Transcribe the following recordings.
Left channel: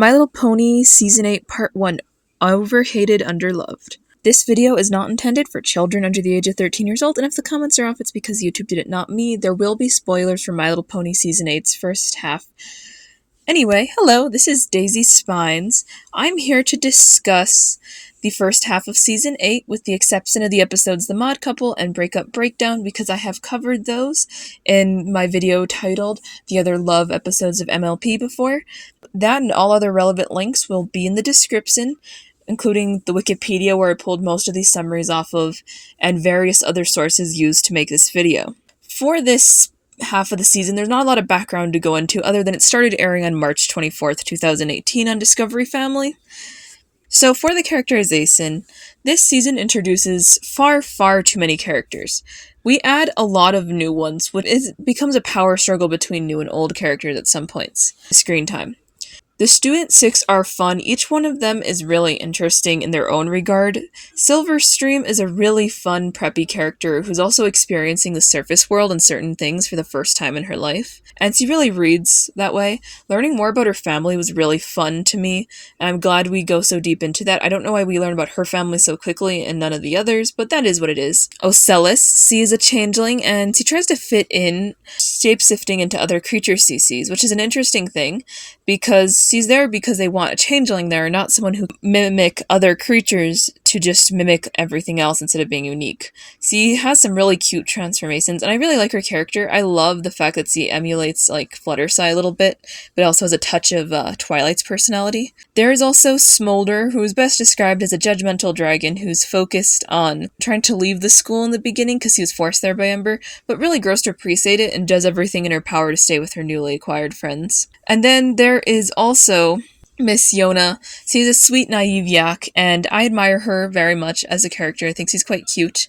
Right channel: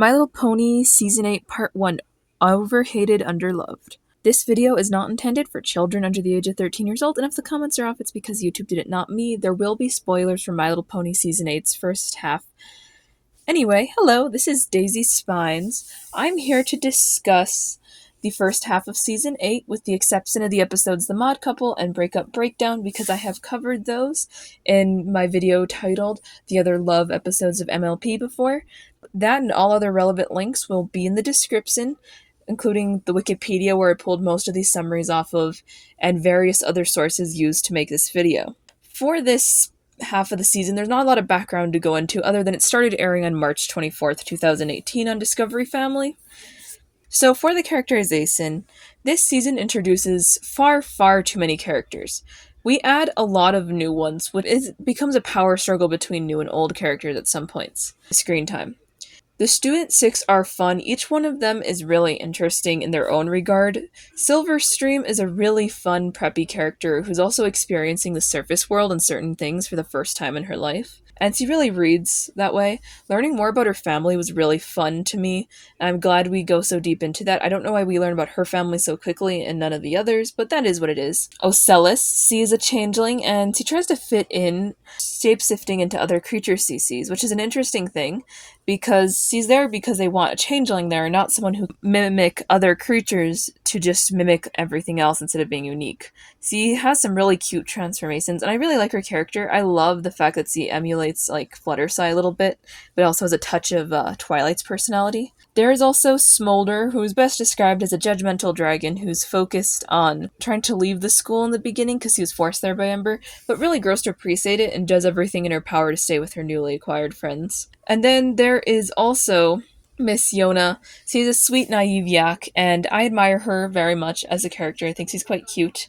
My Little Pony Season 8 Part 1 Overhated Underloved. This video is not intended for children under the age of 13 years old, and if the comments are off, it's because YouTube did it, not me. There will be spoilers for My Little Pony Season 8's first half. Anyway, hello, this is Daisy Spines. I'm here to discuss the first half of Season 8, with the exception of the episodes The Mod Couple and Breakup Breakdown, because I have covered those in my video titled The Other Love Episodes of MLP before. That and all other relevant links will be in the description, including the Wikipedia where I pulled most of these summaries off of, and various other sources used to make this video. For this half of the season, there's not a lot of background to go into other than it started airing on March 24th, 2018 on Discovery Family. So for the characterization, this season introduces far too many characters. We add a lot of new ones, which becomes a power struggle between new and old characters at some points. Screen time. The Student 6 are fun. Each one of them is really interesting in their own regard. Silverstream is a really fun, preppy character who's also experiencing the surface world and certain things for the first time in her life. And she really reads that way. Learning more about her family was really fun to me, and I'm glad we go so deep into that. I don't know why we learn about her family so quickly and none of the others, but that is what it is. Ocellus, she is a changeling, and she tries to fit in, shape-shifting into other creatures she sees, which is an interesting thing, because she's there because they want a changeling there, not someone who mimic other creatures to just mimic everything else instead of being unique. She has some really cute transformations, and I really like her character. I love the fact that she emulates like Fluttershy a little bit, but also has a touch of Twilight's personality. There is also Smolder, who is best described as a judgmental dragon who's focused on trying to leave the school in the beginning because he was forced there by Ember, but really grows to appreciate it and does everything in her power to stay with her newly acquired friends. And then there is also Miss Yona. She's a sweet, naive yak, and I admire her very much as a character. I think she's quite cute.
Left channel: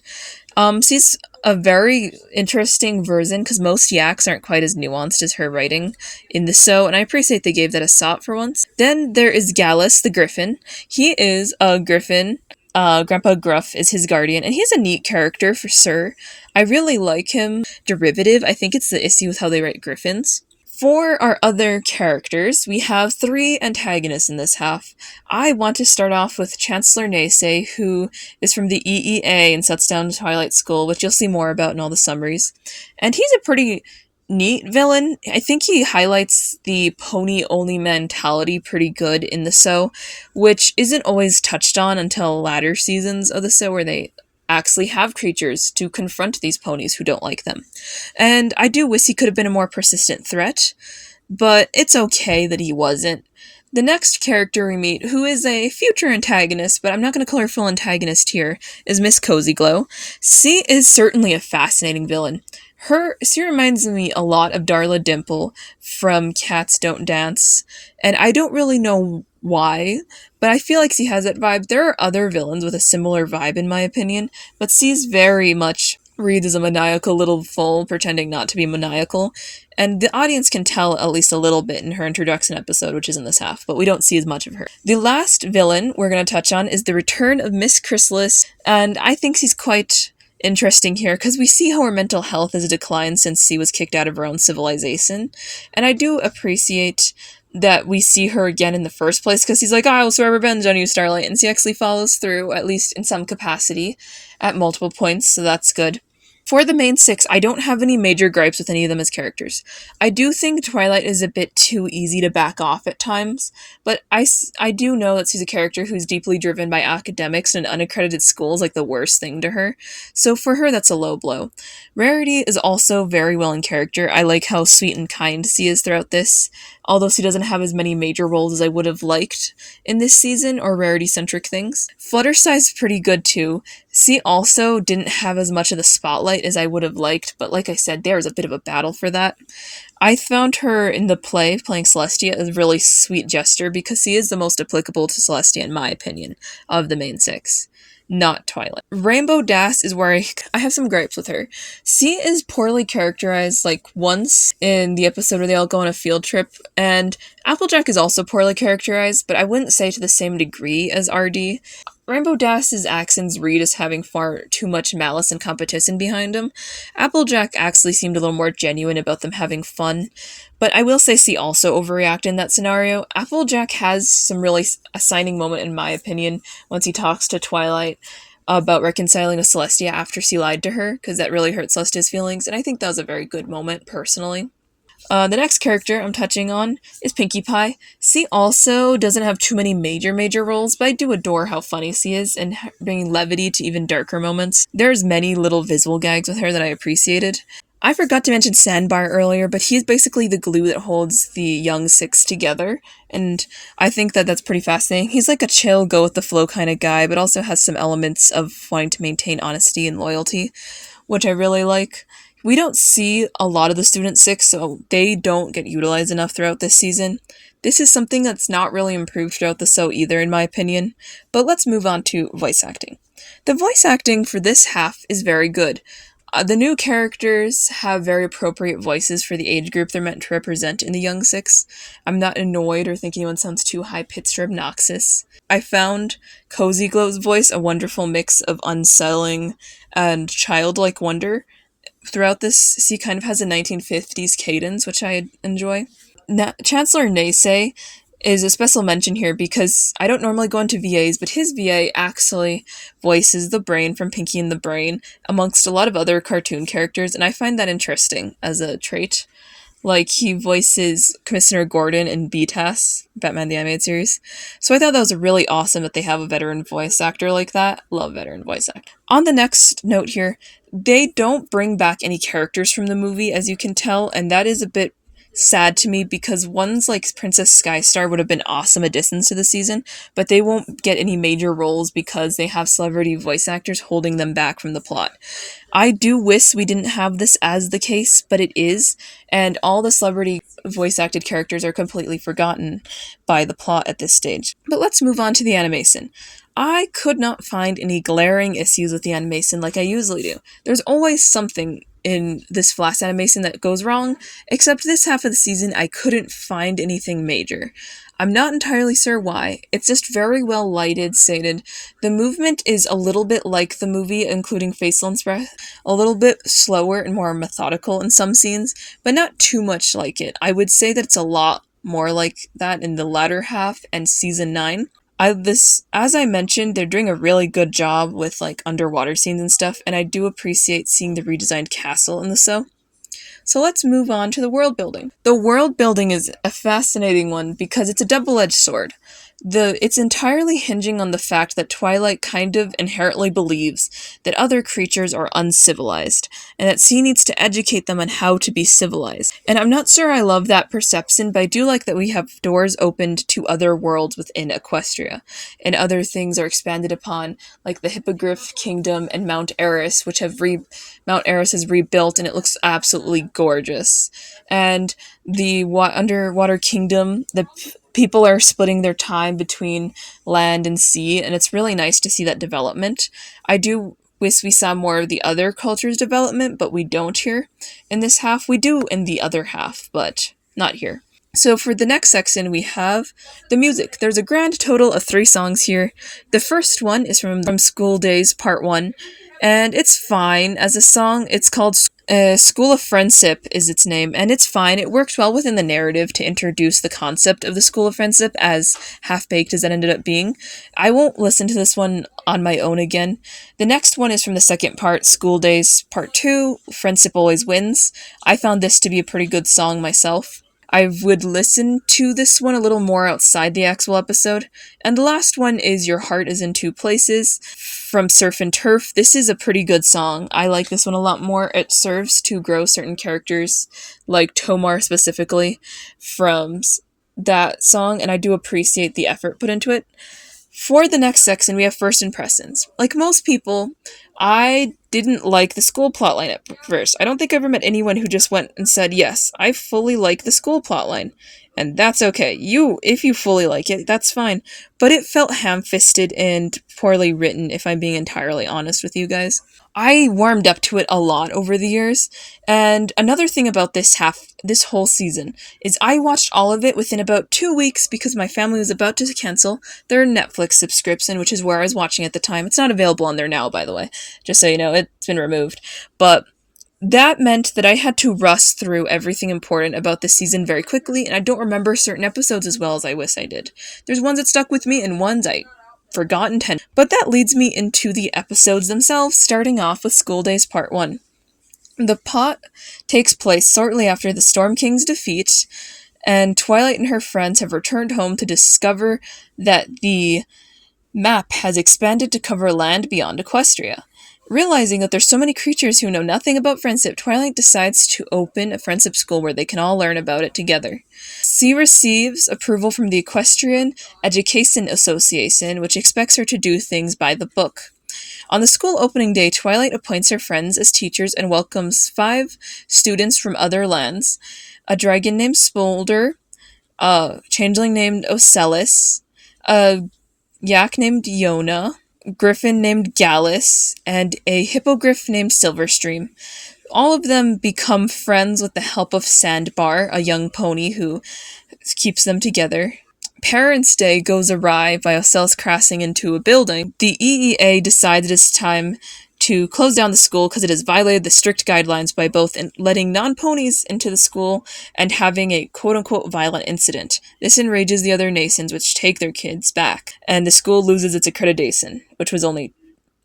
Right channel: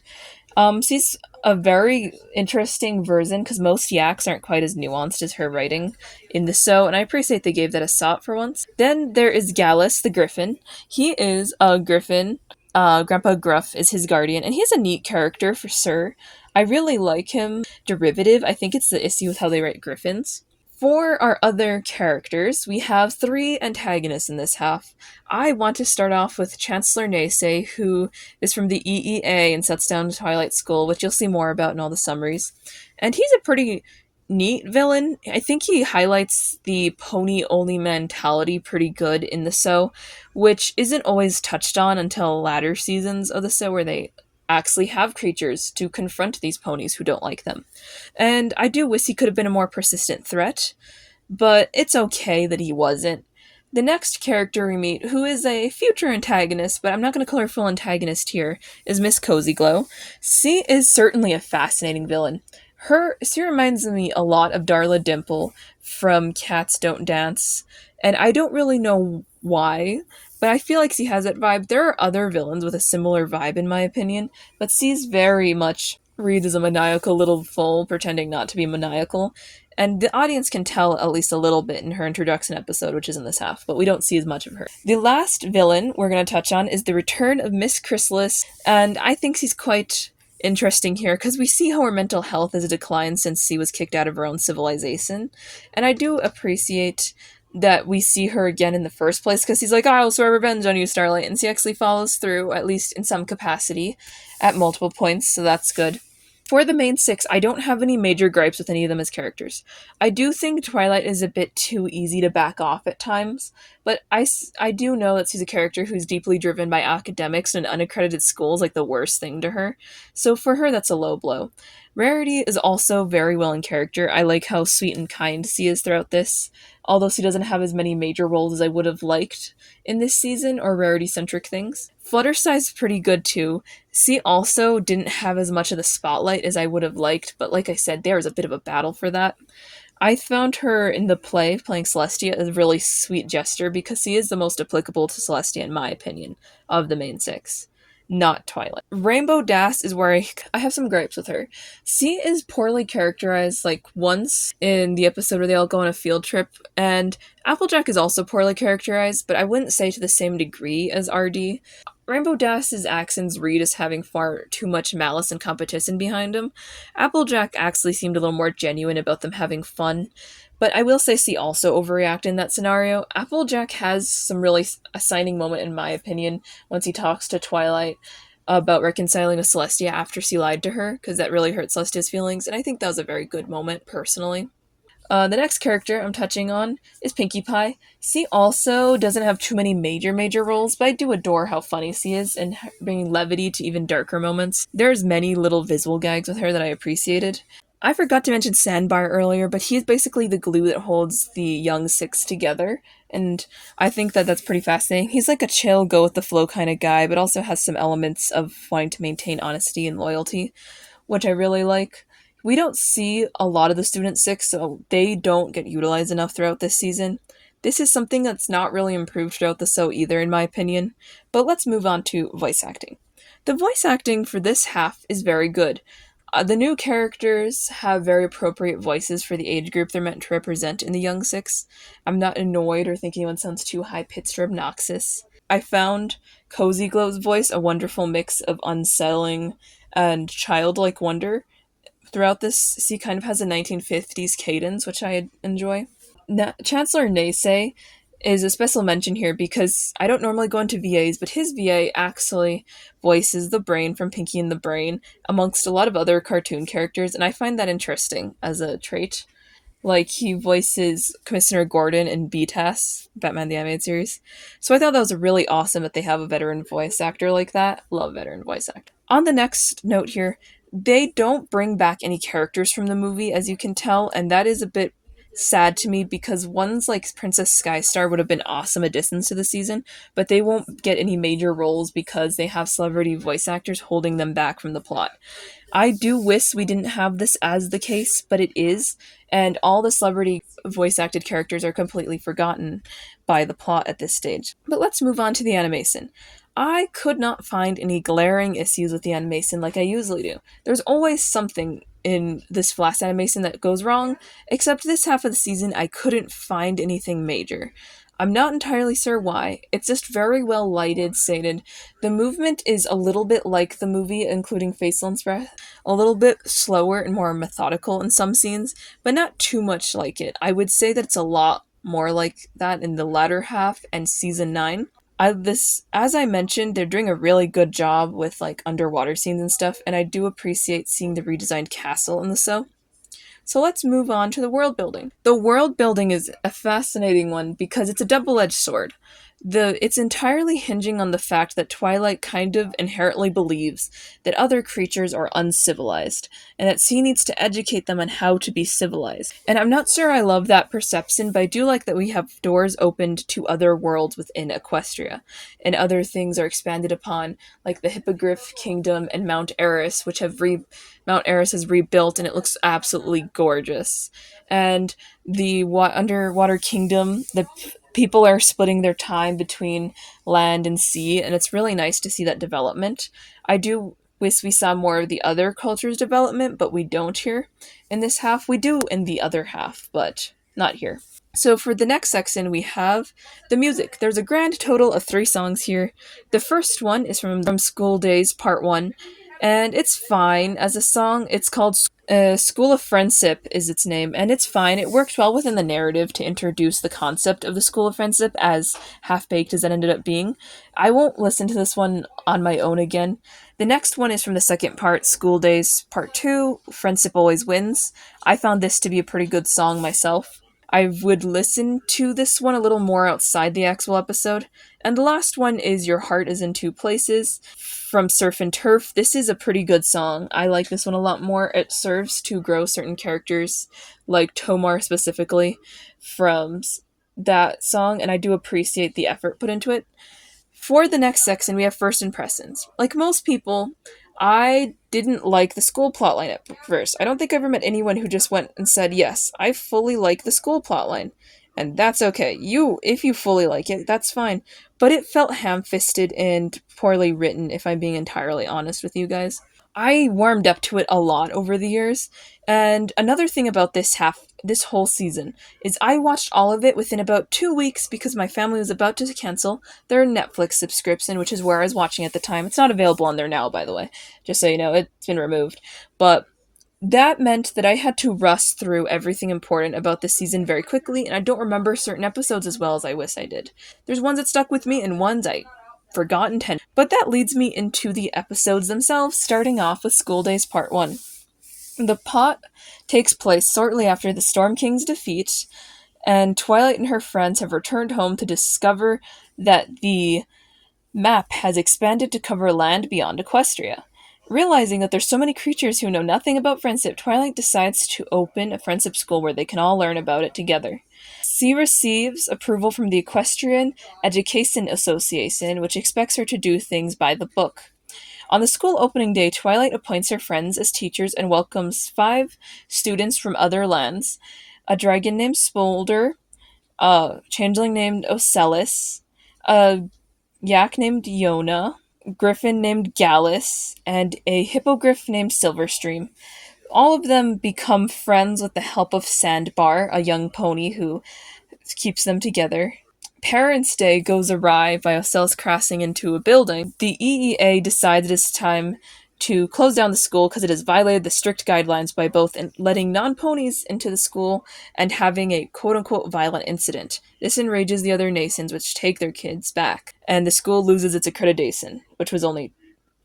She's a very interesting version, because most yaks aren't quite as nuanced as her writing in the show, and I appreciate they gave that a shot for once. Then there is Gallus, the griffin. He is a griffin. Grandpa Gruff is his guardian, and he's a neat character for sure. I really like him. Derivative, I think it's the issue with how they write griffins. For our other characters, we have 3 antagonists in this half. I want to start off with Chancellor Naysay, who is from the EEA and sets down Twilight School, which you'll see more about in all the summaries. And he's a pretty neat villain. I think he highlights the pony-only mentality pretty good in the show, which isn't always touched on until latter seasons of the show, where they actually have creatures to confront these ponies who don't like them. And I do wish he could have been a more persistent threat, but it's okay that he wasn't. The next character we meet, who is a future antagonist, but I'm not going to call her full antagonist here, is Miss Cozy Glow. She is certainly a fascinating villain. She reminds me a lot of Darla Dimple from Cats Don't Dance, and I don't really know why, but I feel like she has that vibe. There are other villains with a similar vibe in my opinion, but she's very much reads as a maniacal little fool pretending not to be maniacal, and the audience can tell at least a little bit in her introduction episode, which is in this half, but we don't see as much of her. The last villain we're going to touch on is the return of Miss Chrysalis, and I think she's quite interesting here because we see how her mental health has declined since she was kicked out of her own civilization, and I do appreciate that we see her again in the first place, because he's like, I will swear revenge on you, Starlight, and she actually follows through, at least in some capacity, at multiple points, so that's good. For the main 6, I don't have any major gripes with any of them as characters. I do think Twilight is a bit too easy to back off at times, but I do know that she's a character who's deeply driven by academics, and unaccredited school is like the worst thing to her, so for her that's a low blow. Rarity is also very well in character. I like how sweet and kind she is throughout this, although she doesn't have as many major roles as I would have liked in this season, or Rarity-centric things. Fluttershy's pretty good too. She also didn't have as much of the spotlight as I would have liked, but like I said, there was a bit of a battle for that. I found her in the play, playing Celestia, as a really sweet gesture, because she is the most applicable to Celestia in my opinion, of the main 6. Not Twilight. Rainbow Dash is where I have some gripes with her. She is poorly characterized like once in the episode where they all go on a field trip, and Applejack is also poorly characterized, but I wouldn't say to the same degree as RD. Rainbow Dash's accents read as having far too much malice and competition behind them. Applejack actually seemed a little more genuine about them having fun, But I will say C also overreacted in that scenario. Applejack has some really assigning moment, in my opinion, once he talks to Twilight about reconciling with Celestia after C lied to her, because that really hurt Celestia's feelings, and I think that was a very good moment, personally. The next character I'm touching on is Pinkie Pie. C also doesn't have too many major roles, but I do adore how funny C is and bringing levity to even darker moments. There's many little visual gags with her that I appreciated. I forgot to mention Sandbar earlier, but he's basically the glue that holds the young six together, and I think that that's pretty fascinating. He's like a chill, go with the flow kind of guy, but also has some elements of wanting to maintain honesty and loyalty, which I really like. We don't see a lot of the Student Six, so they don't get utilized enough throughout this season. This is something that's not really improved throughout the show either, in my opinion. But let's move on to voice acting. The voice acting for this half is very good. The new characters have very appropriate voices for the age group they're meant to represent in the Young Six. I'm not annoyed or think anyone sounds too high-pitched or obnoxious. I found Cozy Glow's voice a wonderful mix of unsettling and childlike wonder. Throughout this, he kind of has a 1950s cadence, which I enjoy. Chancellor Naysay is a special mention here because I don't normally go into VAs, but his VA actually voices the Brain from Pinky and the Brain amongst a lot of other cartoon characters, and I find that interesting as a trait. Like, he voices Commissioner Gordon in BTAS, Batman the Animated Series. So I thought that was really awesome that they have a veteran voice actor like that. Love veteran voice actor. On the next note here, they don't bring back any characters from the movie, as you can tell, and that is a bit sad to me because ones like Princess Skystar would have been awesome additions to the season, but they won't get any major roles because they have celebrity voice actors holding them back from the plot. I do wish we didn't have this as the case, but it is, and all the celebrity voice acted characters are completely forgotten by the plot at this stage. But let's move on to the animation. I could not find any glaring issues with the animation like I usually do. There's always something in this Flash animation that goes wrong, except this half of the season I couldn't find anything major. I'm not entirely sure why. It's just very well lighted, sated. The movement is a little bit like the movie, including facial expression, a little bit slower and more methodical in some scenes, but not too much like it. I would say that it's a lot more like that in the latter half and season 9. As I mentioned, they're doing a really good job with like underwater scenes and stuff, and I do appreciate seeing the redesigned castle in the show. So let's move on to the world building. The world building is a fascinating one because it's a double-edged sword. It's entirely hinging on the fact that Twilight kind of inherently believes that other creatures are uncivilized, and that C needs to educate them on how to be civilized. And I'm not sure I love that perception, but I do like that we have doors opened to other worlds within Equestria, and other things are expanded upon, like the Hippogriff Kingdom and Mount Eris, which Mount Eris is rebuilt, and it looks absolutely gorgeous. And the underwater kingdom, the people are splitting their time between land and sea, and it's really nice to see that development. I do wish we saw more of the other cultures' development, but we don't here. In this half, we do in the other half, but not here. So for the next section, we have the music. There's a grand total of 3 songs here. The first one is from School Days Part 1, and it's fine as a song. It's called School of Friendship is its name, and it's fine. It works well within the narrative to introduce the concept of the School of Friendship, as half-baked as it ended up being. I won't listen to this one on my own again. The next one is from the second part, School Days Part 2, Friendship Always Wins. I found this to be a pretty good song myself. I would listen to this one a little more outside the actual episode. And the last one is Your Heart is in Two Places from Surf and Turf. This is a pretty good song. I like this one a lot more. It serves to grow certain characters, like Tomar specifically, from that song, and I do appreciate the effort put into it. For the next section, we have First Impressions. Like most people, I didn't like the school plotline at first. I don't think I ever met anyone who just went and said, yes, I fully like the school plotline. And that's okay. If you fully like it, that's fine. But it felt ham-fisted and poorly written, if I'm being entirely honest with you guys. I warmed up to it a lot over the years, and another thing about this whole season, is I watched all of it within about 2 weeks because my family was about to cancel their Netflix subscription, which is where I was watching at the time. It's not available on there now, by the way, just so you know, it's been removed. But That meant that I had to rush through everything important about this season very quickly, and I don't remember certain episodes as well as I wish I did. There's ones that stuck with me and ones I forgotten 10. But that leads me into the episodes themselves, starting off with School Days Part 1. The plot takes place shortly after the Storm King's defeat, and Twilight and her friends have returned home to discover that the map has expanded to cover land beyond Equestria. Realizing that there's so many creatures who know nothing about friendship, Twilight decides to open a friendship school where they can all learn about it together. She receives approval from the Equestrian Education Association, which expects her to do things by the book. On the school opening day, Twilight appoints her friends as teachers and welcomes 5 students from other lands: a dragon named Smolder, a changeling named Ocellus, a yak named Yona, griffin named Gallus, and a hippogriff named Silverstream. All of them become friends with the help of Sandbar, a young pony who keeps them together. Parents' Day goes awry by Ocellus crashing into a building. The EEA decides it is time to close down the school because it has violated the strict guidelines by both letting non-ponies into the school and having a quote-unquote violent incident. This enrages the other nations, which take their kids back, and the school loses its accreditation, which was only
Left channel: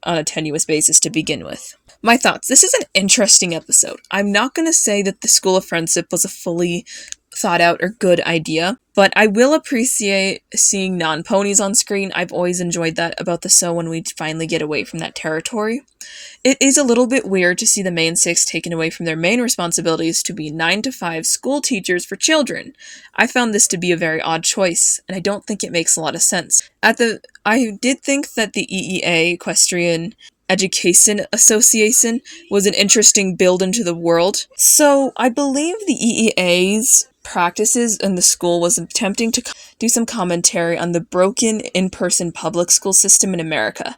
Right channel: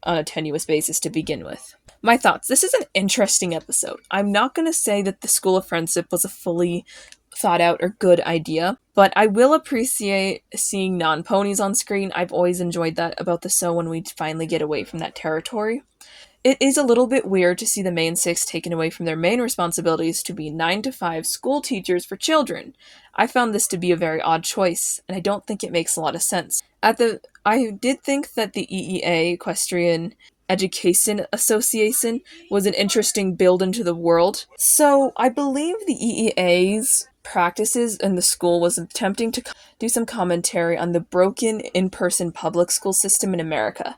on a tenuous basis to begin with. My thoughts. This is an interesting episode. I'm not going to say that the School of Friendship was a fully thought out or good idea, but I will appreciate seeing non-ponies on screen. I've always enjoyed that about the show when we finally get away from that territory. It is a little bit weird to see the main 6 taken away from their main responsibilities to be 9 to 5 school teachers for children. I found this to be a very odd choice, and I don't think it makes a lot of sense. I did think that the EEA, Equestrian Education Association, was an interesting build into the world. So I believe the EEA's practices in the school was attempting to do some commentary on the broken in-person public school system in America.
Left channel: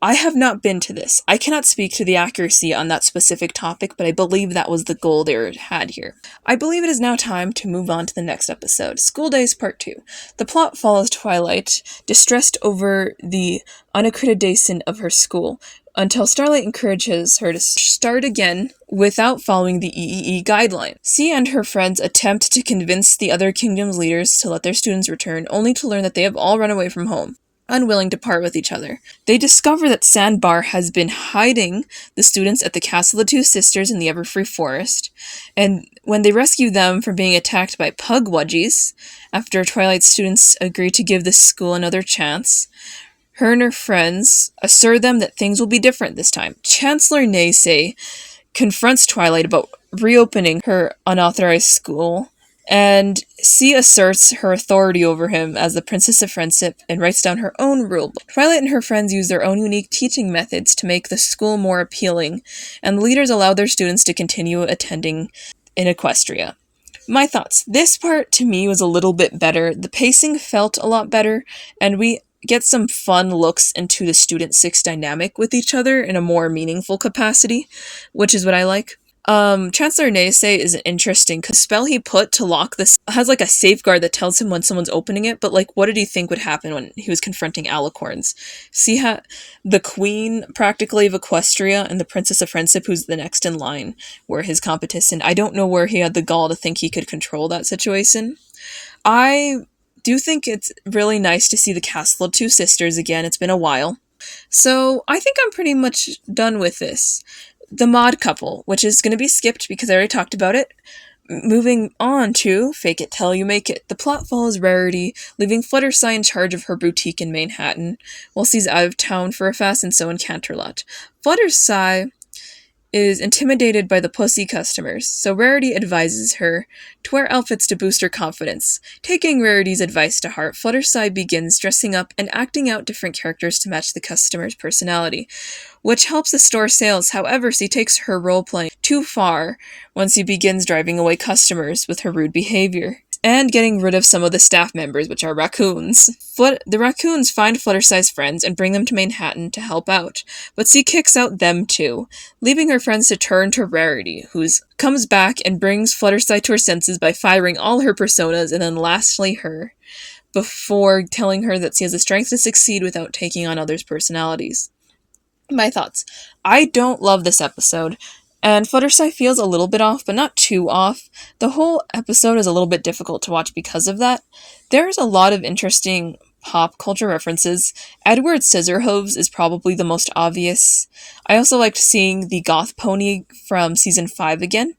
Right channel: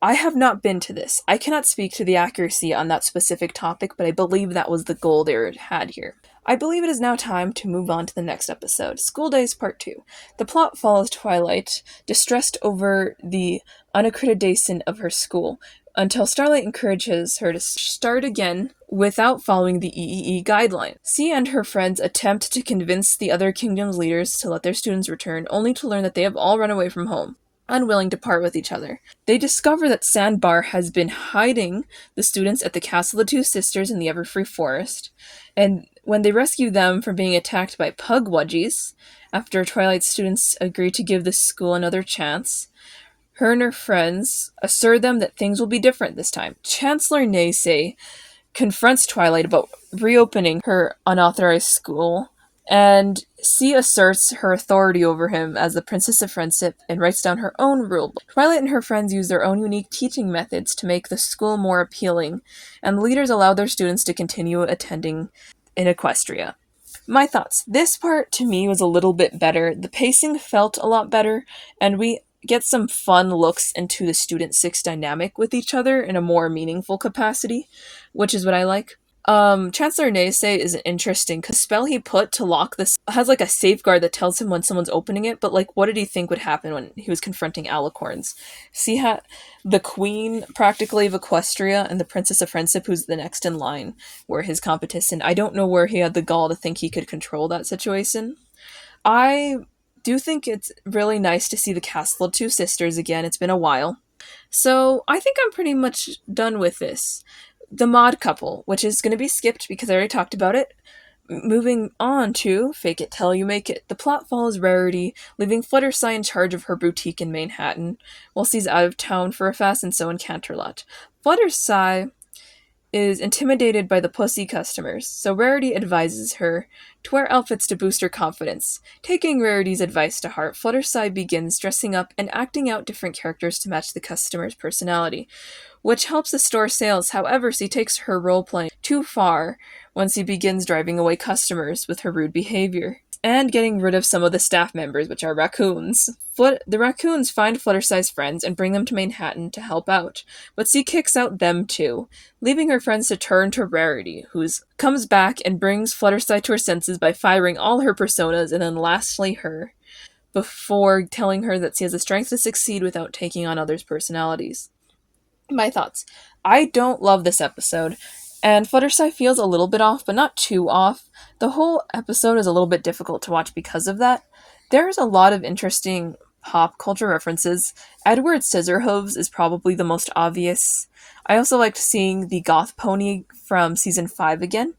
I have not been to this. I cannot speak to the accuracy on that specific topic, but I believe that was the goal they had here. I believe it is now time to move on to the next episode, School Days Part 2. The plot follows Twilight, distressed over the unaccreditation of her school, until Starlight encourages her to start again without following the EEE guideline. She and her friends attempt to convince the other kingdom's leaders to let their students return, only to learn that they have all run away from home, unwilling to part with each other. They discover that Sandbar has been hiding the students at the Castle of the Two Sisters in the Everfree Forest, and when they rescue them from being attacked by pugwudgies, after Twilight's students agree to give this school another chance, her and her friends assure them that things will be different this time. Chancellor Naysay confronts Twilight about reopening her unauthorized school, and she asserts her authority over him as the Princess of Friendship and writes down her own rulebook. Twilight and her friends use their own unique teaching methods to make the school more appealing, and the leaders allow their students to continue attending in Equestria. My thoughts. This part, to me, was a little bit better. The pacing felt a lot better, and we get some fun looks into the Student 6 dynamic with each other in a more meaningful capacity, which is what I like. Chancellor Naysay is interesting because the spell he put to lock this has like a safeguard that tells him when someone's opening it, but like what did he think would happen when he was confronting alicorns? See how the queen practically of Equestria and the Princess of Friendship, who's the next in line, were his competition. I don't know where he had the gall to think he could control that situation. I do think it's really nice to see the Castle of Two Sisters again. It's been a while. So I think I'm pretty much done with this. The mod couple, which is going to be skipped because I already talked about it. Moving on to Fake It Till You Make It. The plot follows Rarity, leaving Fluttershy in charge of her boutique in Manhattan, while she's out of town for a fast and so in Canterlot. Fluttershy is intimidated by the pussy customers, so Rarity advises her to wear outfits to boost her confidence. Taking Rarity's advice to heart, Fluttershy begins dressing up and acting out different characters to match the customer's personality, which helps the store sales. However, she takes her role-playing too far once she begins driving away customers with her rude behavior, and getting rid of some of the staff members, which are raccoons. The raccoons find Fluttershy's friends and bring them to Manhattan to help out, but she kicks out them too, leaving her friends to turn to Rarity, who comes back and brings Fluttershy to her senses by firing all her personas, and then lastly her, before telling her that she has the strength to succeed without taking on others' personalities. My thoughts. I don't love this episode. And Fluttershy feels a little bit off, but not too off. The whole episode is a little bit difficult to watch because of that. There's a lot of interesting pop culture references. Edward Scissorhooves is probably the most obvious. I also liked seeing the goth pony from season 5 again.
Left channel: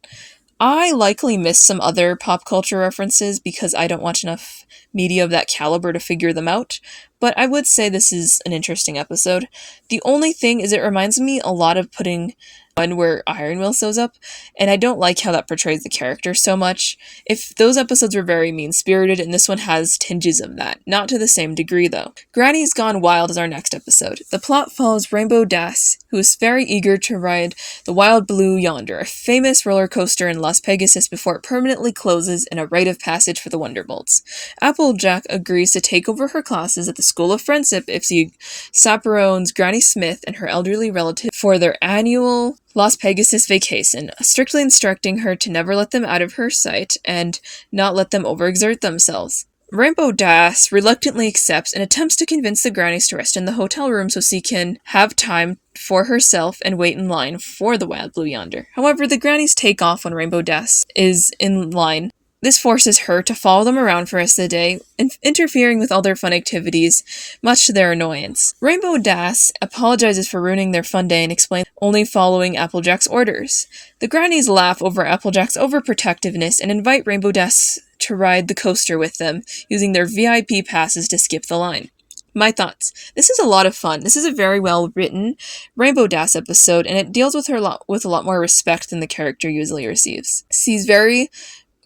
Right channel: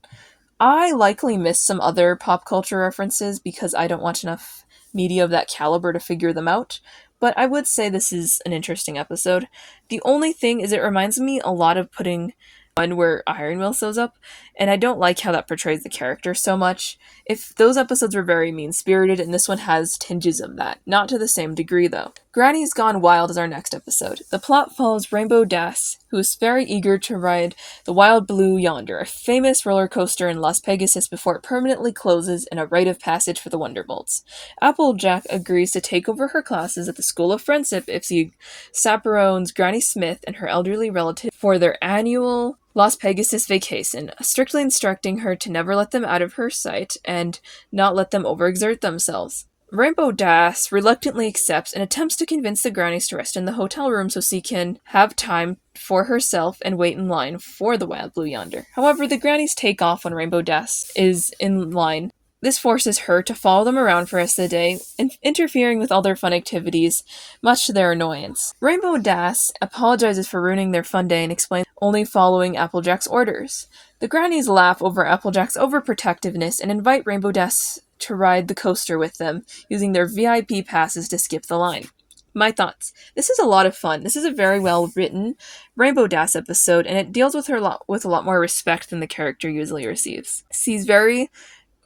I likely missed some other pop culture references because I don't watch enough media of that caliber to figure them out, but I would say this is an interesting episode. The only thing is it reminds me a lot of putting one where Iron Will shows up, and I don't like how that portrays the character so much. If those episodes were very mean-spirited, and this one has tinges of that. Not to the same degree, though. Granny's Gone Wild is our next episode. The plot follows Rainbow Dash, who is very eager to ride the Wild Blue Yonder, a famous roller coaster in Las Pegasus before it permanently closes in a rite of passage for the Wonderbolts. Applejack agrees to take over her classes at the School of Friendship if she chaperones Granny Smith and her elderly relative for their annual Las Pegasus vacation, strictly instructing her to never let them out of her sight and not let them overexert themselves. Rainbow Dash reluctantly accepts and attempts to convince the grannies to rest in the hotel room so she can have time for herself and wait in line for the Wild Blue Yonder. However, the grannies take off when Rainbow Dash is in line. This forces her to follow them around for the rest of the day, interfering with all their fun activities, much to their annoyance. Rainbow Dash apologizes for ruining their fun day and explains only following Applejack's orders. The grannies laugh over Applejack's overprotectiveness and invite Rainbow Dash to ride the coaster with them, using their VIP passes to skip the line. My thoughts. This is a lot of fun. This is a very well written Rainbow Dash episode, and it deals with her with a lot more respect than the character usually receives. She's very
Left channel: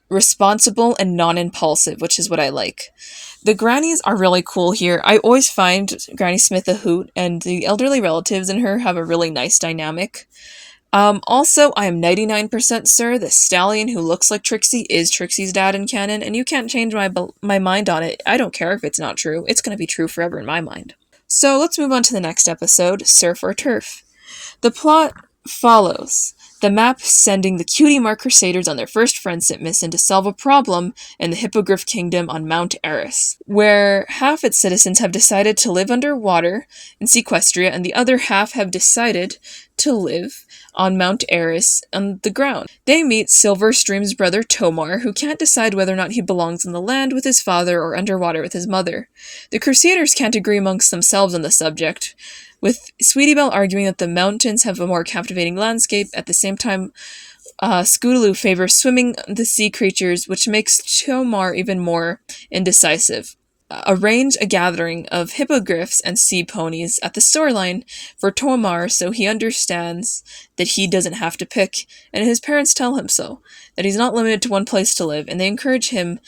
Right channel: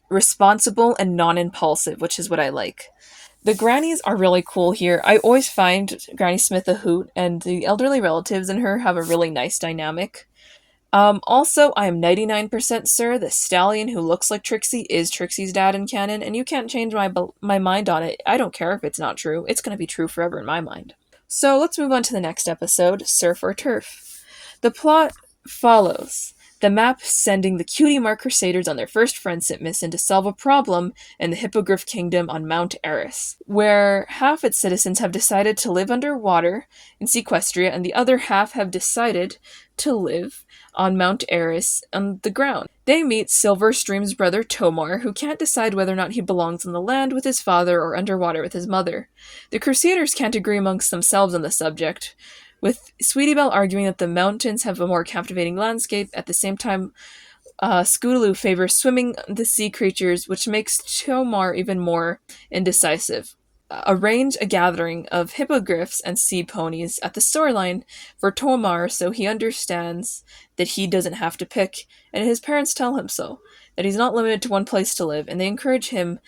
responsible and non-impulsive, which is what I like. The grannies are really cool here. I always find Granny Smith a hoot, and the elderly relatives in her have a really nice dynamic. Also, I am 99% sure the stallion who looks like Trixie is Trixie's dad in canon, and you can't change my mind on it. I don't care if it's not true. It's going to be true forever in my mind. So let's move on to the next episode, Surf or Turf. The plot follows the map sending the Cutie Mark Crusaders on their first friendship mission to solve a problem in the Hippogriff Kingdom on Mount Eris, where half its citizens have decided to live underwater in Sequestria and the other half have decided to live on Mount Eris on the ground. They meet Silverstream's brother Tomar, who can't decide whether or not he belongs on the land with his father or underwater with his mother. The Crusaders can't agree amongst themselves on the subject, with Sweetie Belle arguing that the mountains have a more captivating landscape. At the same time, Scootaloo favors swimming the sea creatures, which makes Tomar even more indecisive. Arrange a gathering of hippogriffs and sea ponies at the storyline for Tomar so he understands that he doesn't have to pick, and his parents tell him so, that he's not limited to one place to live, and they encourage him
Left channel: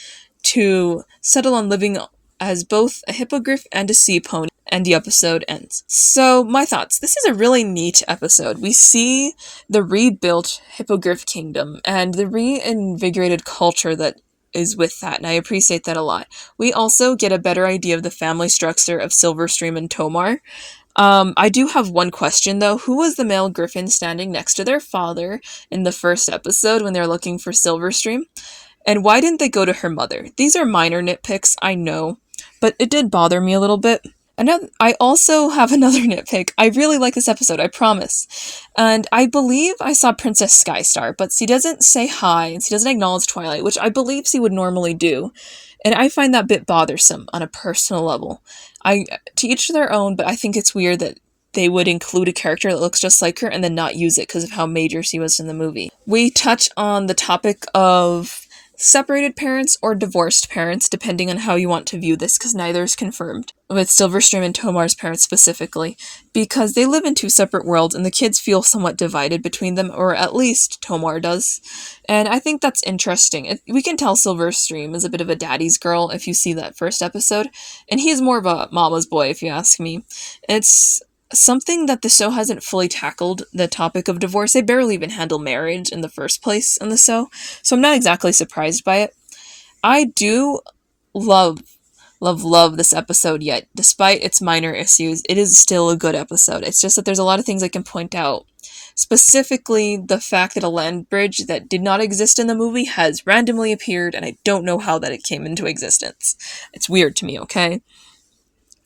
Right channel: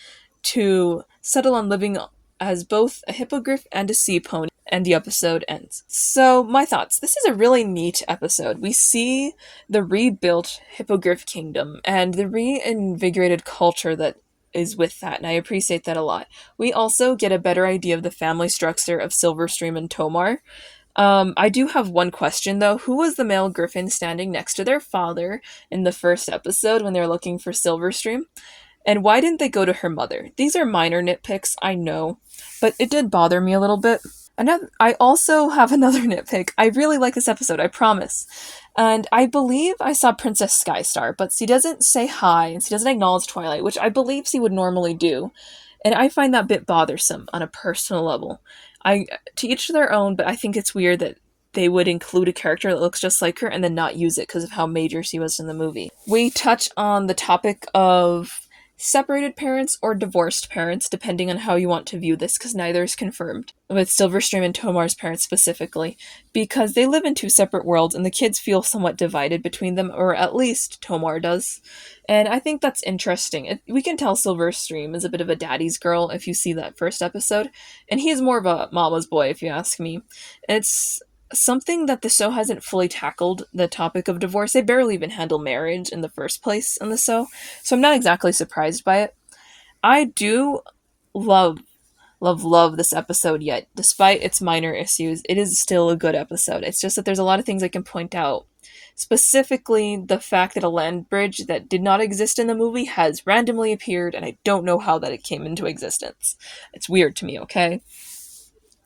to settle on living as both a hippogriff and a sea pony. And the episode ends. So, my thoughts. This is a really neat episode. We see the rebuilt Hippogriff Kingdom and the reinvigorated culture that is with that, and I appreciate that a lot. We also get a better idea of the family structure of Silverstream and Tomar. I do have one question, though. Who was the male griffin standing next to their father in the first episode when they're looking for Silverstream? And why didn't they go to her mother? These are minor nitpicks, I know, but it did bother me a little bit. I also have another nitpick. I really like this episode, I promise. And I believe I saw Princess Skystar, but she doesn't say hi, and she doesn't acknowledge Twilight, which I believe she would normally do. And I find that a bit bothersome on a personal level. To each their own, but I think it's weird that they would include a character that looks just like her and then not use it because of how major she was in the movie. We touch on the topic of separated parents or divorced parents, depending on how you want to view this, because neither is confirmed, with Silverstream and Tomar's parents specifically, because they live in two separate worlds and the kids feel somewhat divided between them, or at least Tomar does. And I think that's interesting. We can tell Silverstream is a bit of a daddy's girl if you see that first episode, and he's more of a mama's boy if you ask me. It's something that the show hasn't fully tackled, the topic of divorce. They barely even handle marriage in the first place in the show, so I'm not exactly surprised by it. I do love this episode, yet despite its minor issues, it is still a good episode. It's just that there's a lot of things I can point out. Specifically, the fact that a land bridge that did not exist in the movie has randomly appeared, and I don't know how that it came into existence. It's weird to me, okay?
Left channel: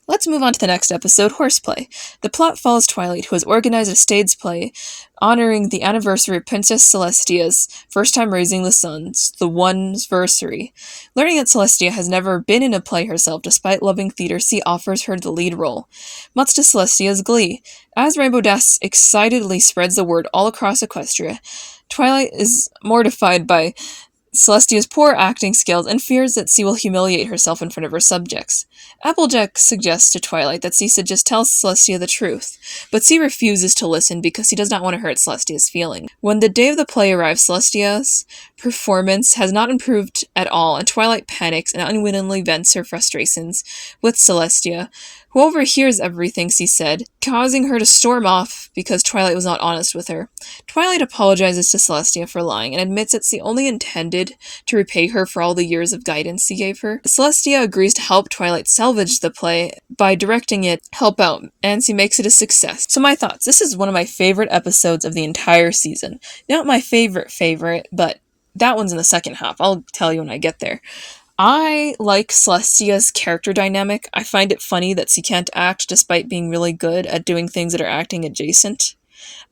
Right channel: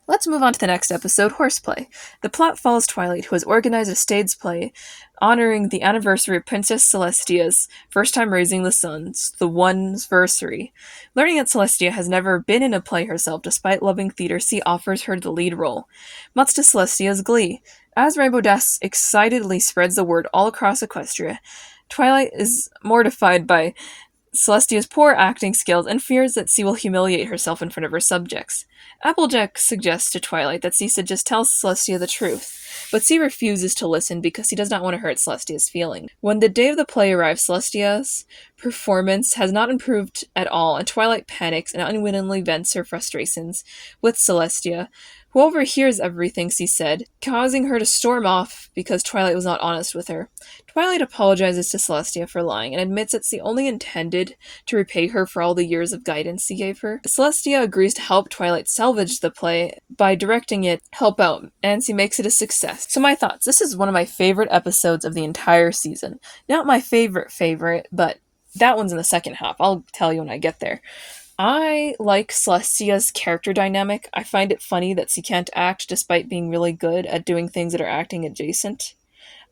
Let's move on to the next episode, Horseplay. The plot follows Twilight, who has organized a stage play honoring the anniversary of Princess Celestia's first time raising the sons, the One'sversary. Learning that Celestia has never been in a play herself despite loving theater, C offers her the lead role, much to Celestia's glee. As Rainbow Dash excitedly spreads the word all across Equestria, Twilight is mortified by Celestia's poor acting skills and fears that C will humiliate herself in front of her subjects. Applejack suggests to Twilight that C should just tell Celestia the truth, but C refuses to listen because he does not want to hurt Celestia's feelings. When the day of the play arrives, Celestia's performance has not improved at all, and Twilight panics and unwittingly vents her frustrations with Celestia, who overhears everything C said, causing her to storm off because Twilight was not honest with her. Twilight apologizes to Celestia for lying and admits that C only intended to repay her for all the years of guidance he gave her. Celestia agrees to help Twilight salvage the play by directing it help out, and C makes it a success. So my thoughts. This is one of my favorite episodes of the entire season. Not my favorite, but that one's in the second half. I'll tell you when I get there. I like Celestia's character dynamic. I find it funny that she can't act despite being really good at doing things that are acting adjacent.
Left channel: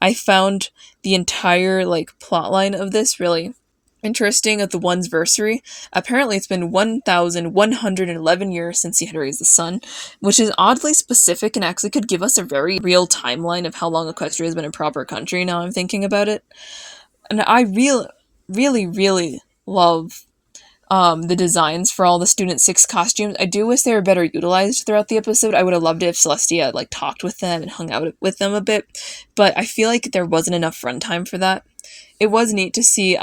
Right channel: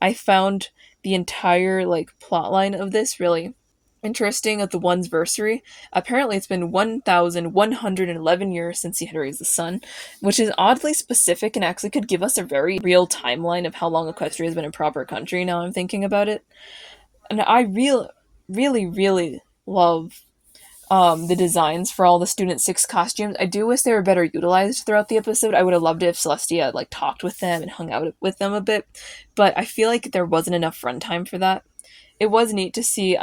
I found the entire plotline of this really interesting of the One'sversary. Apparently it's been 1,111 years since he had raised the sun, which is oddly specific and actually could give us a very real timeline of how long Equestria has been a proper country now I'm thinking about it. And I really love the designs for all the Student 6 costumes. I do wish they were better utilized throughout the episode. I would have loved it if Celestia talked with them and hung out with them a bit, but I feel like there wasn't enough runtime for that. It was neat to see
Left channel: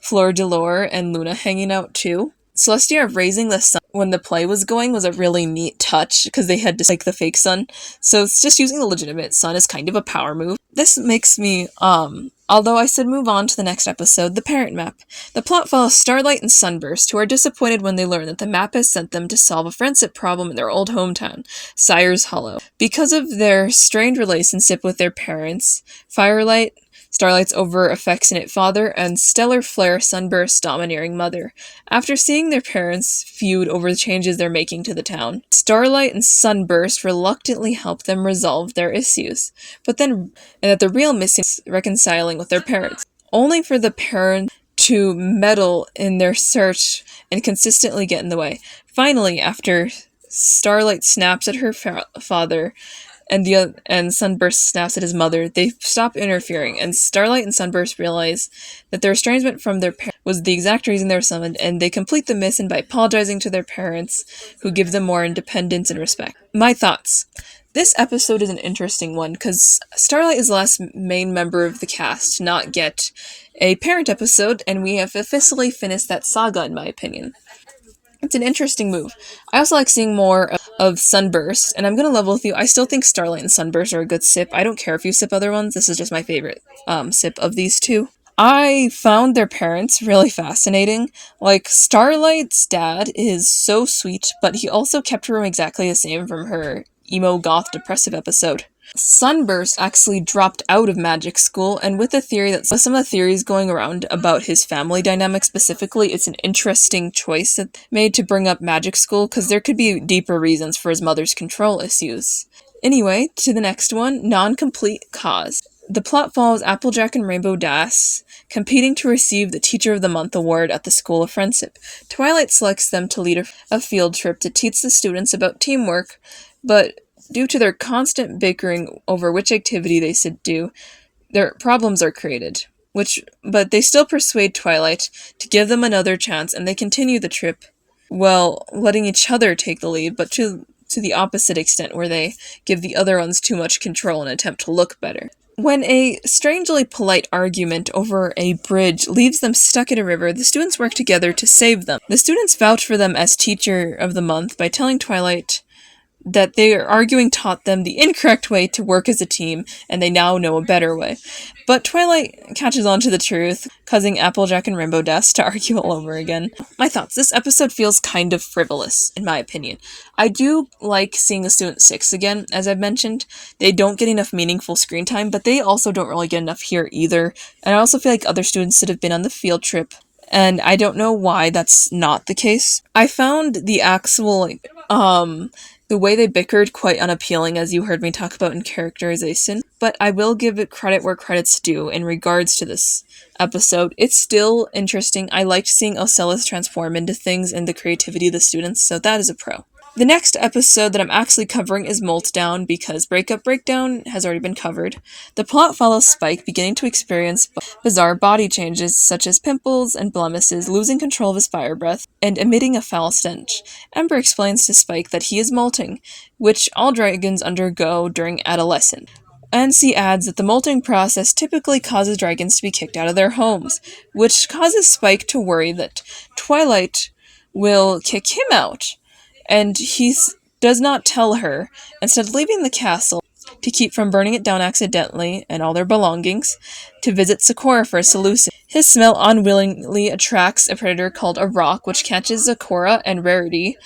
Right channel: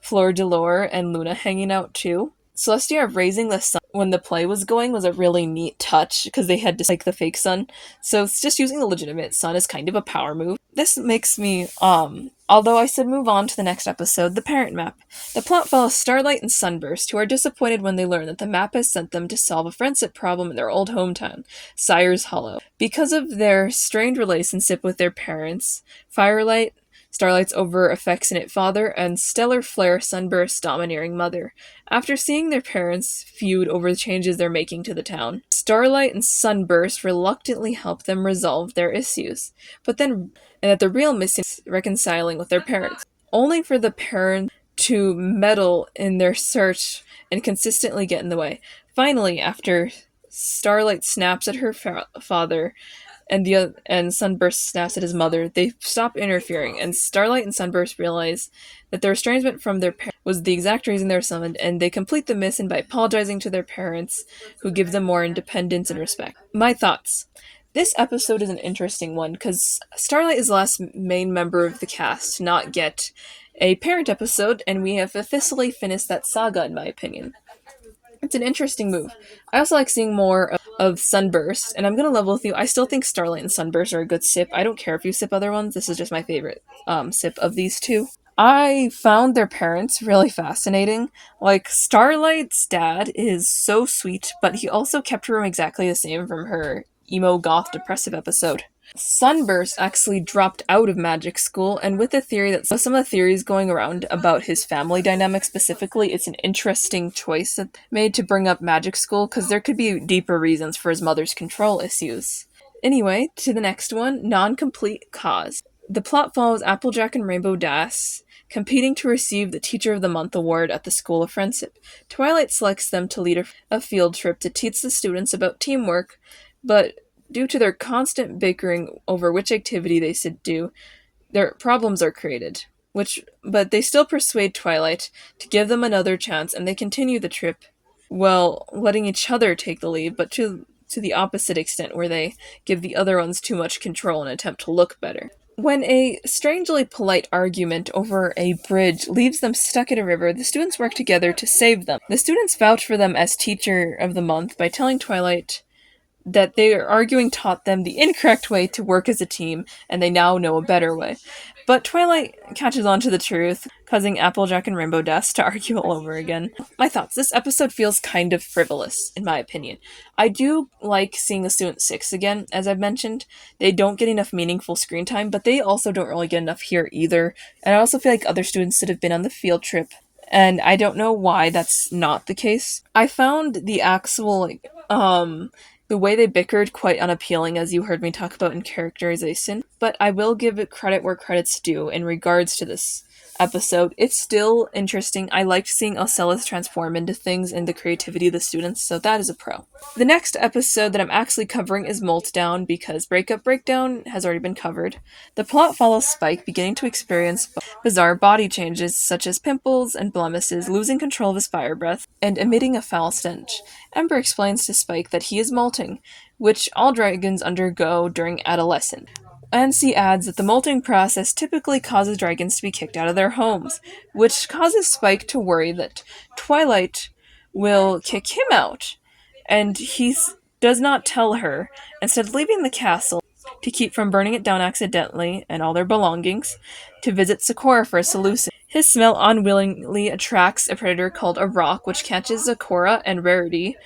Fleur Delore and Luna hanging out too. Celestia raising the sun when the play was going was a really neat touch because they had to the fake sun. So it's just using the legitimate sun is kind of a power move. This makes me, although I said move on to the next episode, the parent map. The plot follows Starlight and Sunburst, who are disappointed when they learn that the map has sent them to solve a friendship problem in their old hometown, Sire's Hollow. Because of their strained relationship with their parents, Starlight's over-affectionate father, and Stellar Flare, Sunburst's domineering mother. After seeing their parents feud over the changes they're making to the town, Starlight and Sunburst reluctantly help them resolve their issues, and that the real missing is reconciling with their parents, only for the parents to meddle in their search and consistently get in the way. Finally, after Starlight snaps at her father, and Sunburst snaps at his mother, they stop interfering, and Starlight and Sunburst realize that their estrangement from their parents was the exact reason they were summoned, and they complete the mission by apologizing to their parents, who give them more independence and respect. My thoughts. This episode is an interesting one, because Starlight is the last main member of the cast to not get a parent episode, and we have officially finished that saga, in my opinion. It's an interesting move. I also like seeing more of Sunburst, and I'm gonna level with you. I still think Starlight and Sunburst are a good sip. I don't care if you sip other ones. This is just my favorite sip of these two. I found their parents really fascinating. Starlight's dad is so sweet, but he also kept her exactly the same from her emo goth depressive episode. Sunburst actually dropped out of magic school, and with the theory that some of the theories going around about his family dynamic specifically, it's an interesting choice that made to bring up magic school, because there could be deeper reasons for his mother's control issues. Anyway, to the next one, Non-Complete Cause. The plot follows Applejack and Rainbow Dash competing to receive the Teacher of the Month award at the School of Friendship. Twilight selects them to lead a field trip to teach the students about teamwork, but due to their constant bickering over which activity they should do, their problems are created. But they still persuade Twilight to give them another chance, and they continue the trip, letting each other take the lead, but to the opposite extent, where they give the other ones too much control and attempt to look better. When a strangely polite argument over a bridge leaves them stuck in a river, the students work together to save them. The students vouch for them as Teacher of the Month by telling Twilight that their arguing taught them the incorrect way to work as a team, and they now know a better way. But Twilight catches on to the truth, causing Applejack and Rainbow Dash to argue all over again. My thoughts. This episode feels kind of frivolous, in my opinion. I do like seeing the Student 6 again, as I've mentioned. They don't get enough meaningful screen time, but they also don't really get enough here either. And I also feel like other students should have been on the field trip, and I don't know why that's not the case. I found the actual, The way they bickered, quite unappealing, as you heard me talk about in characterization, but I will give it credit where credit's due in regards to this episode. It's still interesting. I liked seeing Ocellus transform into things and the creativity of the students, so that is a pro. The next episode that I'm actually covering is Meltdown because Breakup Breakdown has already been covered. The plot follows Spike beginning to experience bizarre body changes such as pimples and blemishes, losing control of his fire breath, and emitting a foul stench. Ember explains to Spike that he is molting, which all dragons undergo during adolescence. NC adds that the molting process typically causes dragons to be kicked out of their homes, which causes Spike to worry that Twilight will kick him out. And he does not tell her, instead of leaving the castle to keep from burning it down accidentally and all their belongings, to visit Sakura for a solution. His smell unwillingly attracts a predator called a rock, which catches Sakura and Rarity,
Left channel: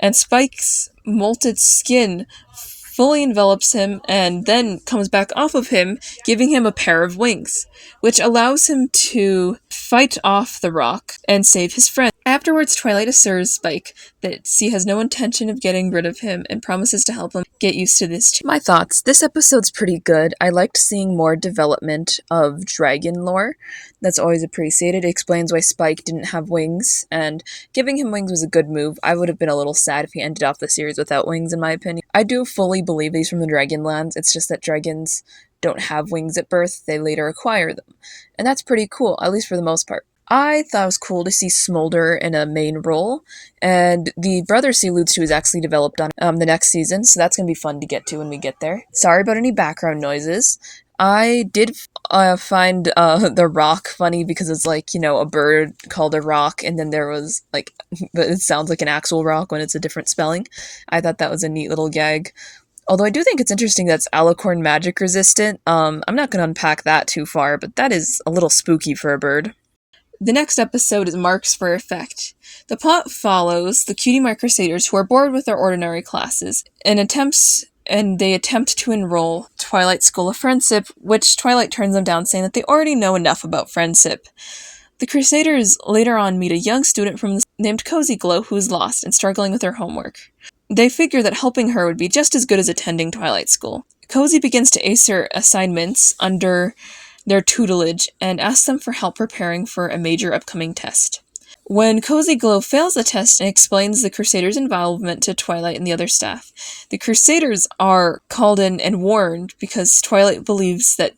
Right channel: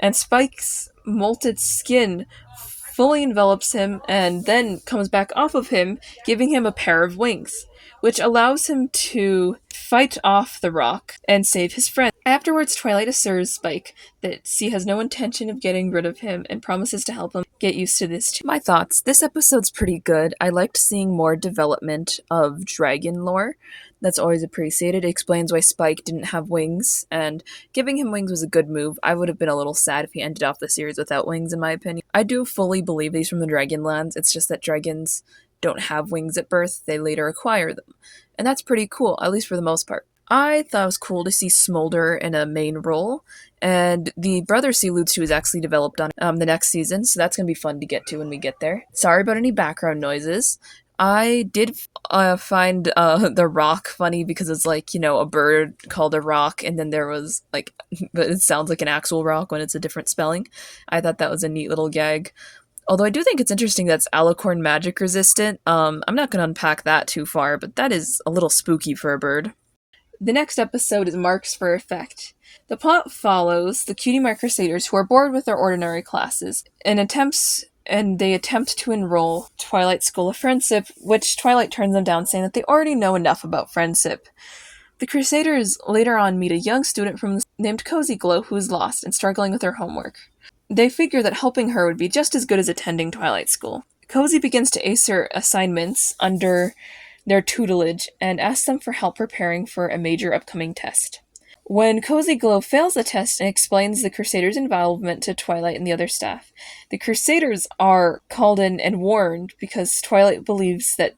and Spike's molted skin fully envelops him and then comes back off of him, giving him a pair of wings, which allows him to fight off the rock and save his friend. Afterwards, Twilight assures Spike that she has no intention of getting rid of him and promises to help him get used to this. My thoughts. This episode's pretty good. I liked seeing more development of dragon lore. That's always appreciated. It explains why Spike didn't have wings, and giving him wings was a good move. I would have been a little sad if he ended off the series without wings, in my opinion. I do fully believe he's from the Dragonlands. It's just that dragons don't have wings at birth. They later acquire them. And that's pretty cool, at least for the most part. I thought it was cool to see Smolder in a main role, and the brother she alludes to is actually developed on the next season, so that's going to be fun to get to when we get there. Sorry about any background noises. I did find the rock funny because it's like, a bird called a rock, and then there was like, it sounds like an actual rock when it's a different spelling. I thought that was a neat little gag. Although I do think it's interesting that's alicorn magic resistant. I'm not going to unpack that too far, but that is a little spooky for a bird. The next episode is Marks for Effect. The plot follows the Cutie Mark Crusaders who are bored with their ordinary classes and they attempt to enroll Twilight's School of Friendship, which Twilight turns them down, saying that they already know enough about friendship. The Crusaders later on meet a young student named Cozy Glow who is lost and struggling with her homework. They figure that helping her would be just as good as attending Twilight School. Cozy begins to ace her assignments under their tutelage and asks them for help preparing for a major upcoming test. When Cozy Glow fails the test and explains the Crusaders' involvement to Twilight and the other staff, the Crusaders are called in and warned because Twilight believes that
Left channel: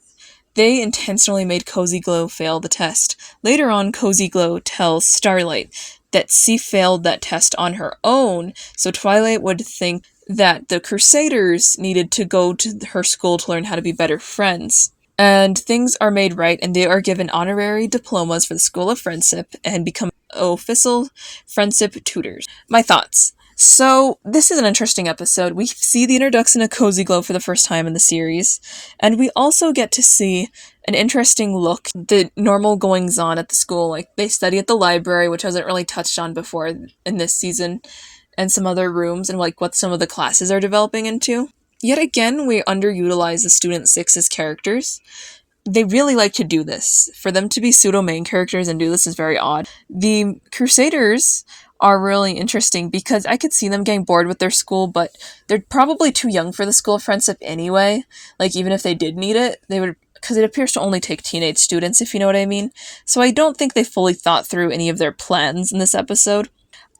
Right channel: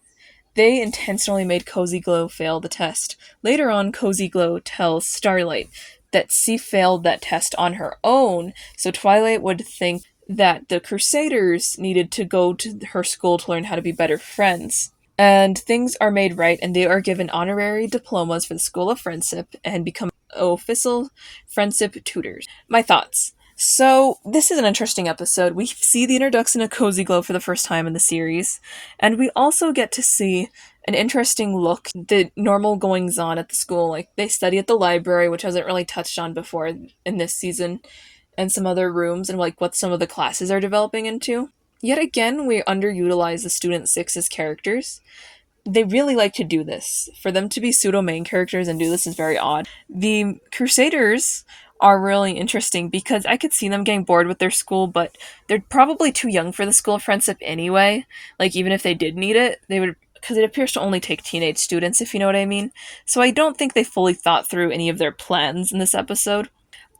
they intentionally made Cozy Glow fail the test. Later on, Cozy Glow tells Starlight that she failed that test on her own, so Twilight would think that the Crusaders needed to go to her school to learn how to be better friends. And things are made right, and they are given honorary diplomas for the School of Friendship and become official friendship tutors. My thoughts. So, this is an interesting episode. We see the introduction of Cozy Glow for the first time in the series, and we also get to see an interesting look, the normal goings-on at the school. Like, they study at the library, which wasn't really touched on before in this season, and some other rooms, and like what some of the classes are developing into. Yet again, we underutilize the Student 6's characters. They really like to do this. For them to be pseudo-main characters and do this is very odd. The Crusaders are really interesting because I could see them getting bored with their school, but they're probably too young for the School of Friendship anyway. Like, even if they did need it, they would, because it appears to only take teenage students, if you know what I mean. So I don't think they fully thought through any of their plans in this episode.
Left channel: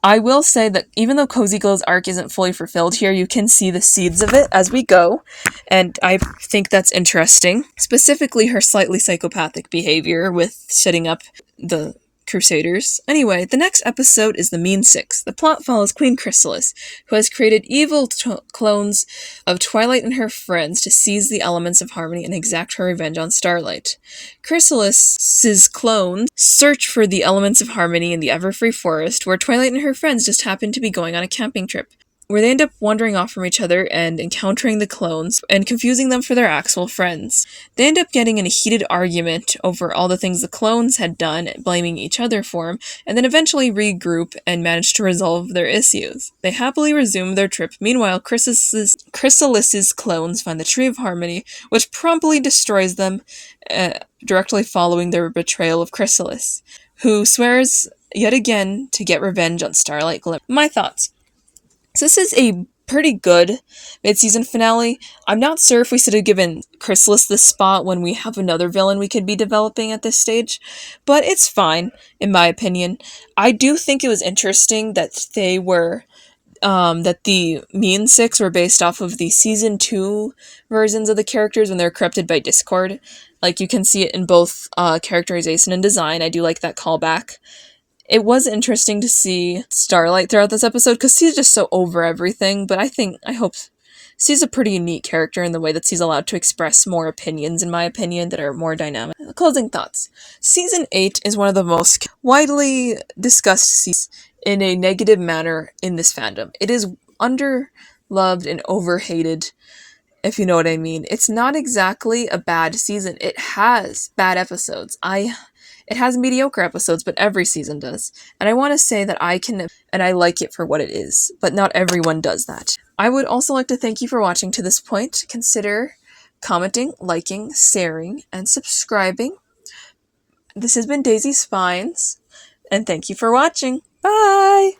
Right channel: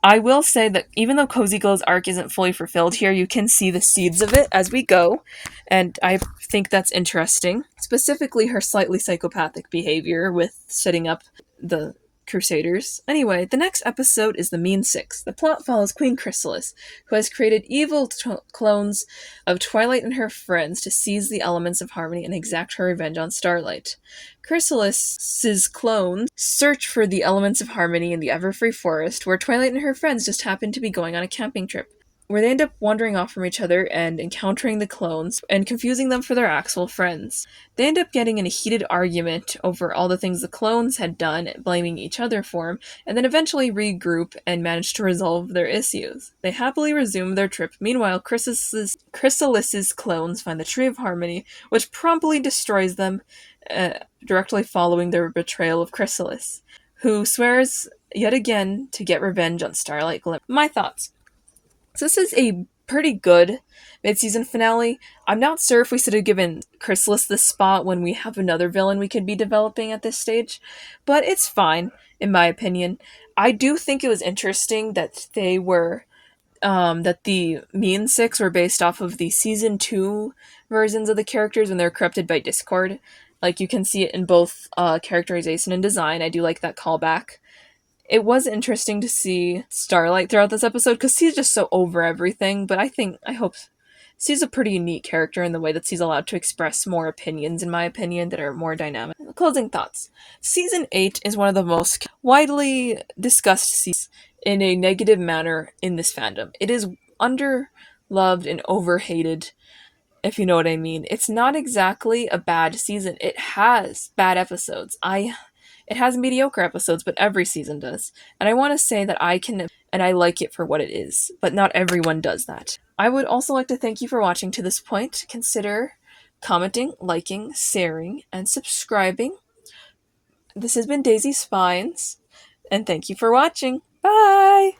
I will say that even though Cozy Glow's arc isn't fully fulfilled here, you can see the seeds of it as we go, and I think that's interesting. Specifically, her slightly psychopathic behavior with setting up the Crusaders. Anyway, the next episode is The Mean Six. The plot follows Queen Chrysalis, who has created evil clones of Twilight and her friends to seize the elements of harmony and exact her revenge on Starlight. Chrysalis's clones search for the elements of harmony in the Everfree Forest, where Twilight and her friends just happen to be going on a camping trip, where they end up wandering off from each other and encountering the clones and confusing them for their actual friends. They end up getting in a heated argument over all the things the clones had done, blaming each other for them, and then eventually regroup and manage to resolve their issues. They happily resume their trip. Meanwhile, Chrysalis's clones find the Tree of Harmony, which promptly destroys them, directly following their betrayal of Chrysalis, who swears yet again to get revenge on Starlight Glimmer. My thoughts. So this is a pretty good mid-season finale. I'm not sure if we should have given Chrysalis this spot when we have another villain we could be developing at this stage, but it's fine, in my opinion. I do think it was interesting that they were that the Mean Six were based off of the season 2 versions of the characters when they're corrupted by Discord. Like, you can see it in both characterization and design. I do like that callback. It was interesting to see Starlight throughout this episode because she's just so over everything, but I hope she's a pretty unique character in the way that she's allowed to express more opinions, in my opinion, that are more dynamic. Closing thoughts. Season 8 is one of the most widely discussed seasons in a negative manner in this fandom. It is underloved and overhated, if you know what I mean. It's not exactly a bad season. It has bad episodes. It has mediocre episodes, but every season does. And I want to say that I like it for what it is, but not everyone does that. I would also like to thank you for watching to this point. Consider commenting, liking, sharing, and subscribing. This has been Daisy Spines, and thank you for watching. Bye!